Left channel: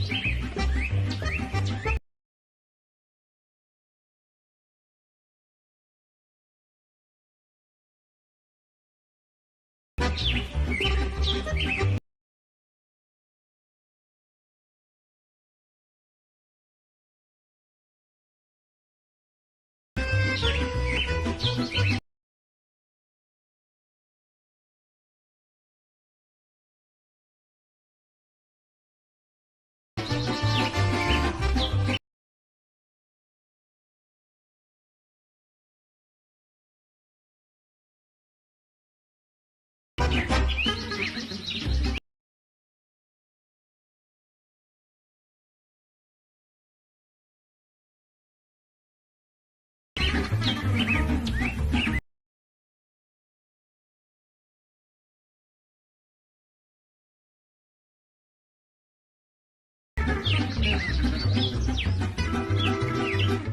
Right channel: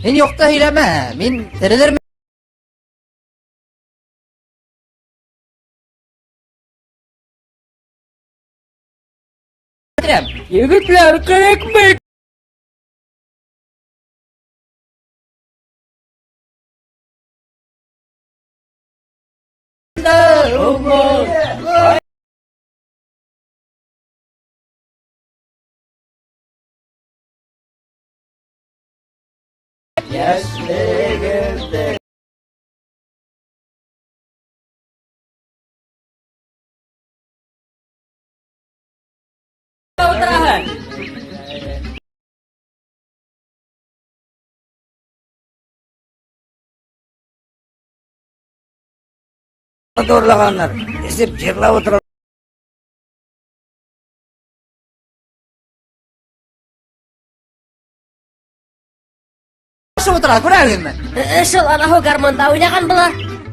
Һин юкта һөйләмә, мин терелермен. Егетләр, кәрәкмәй! Орлаганнар. Эзеп җырлап утыра. Шул утыра, күрәгезме? Шул анау гармонда уйнаган була.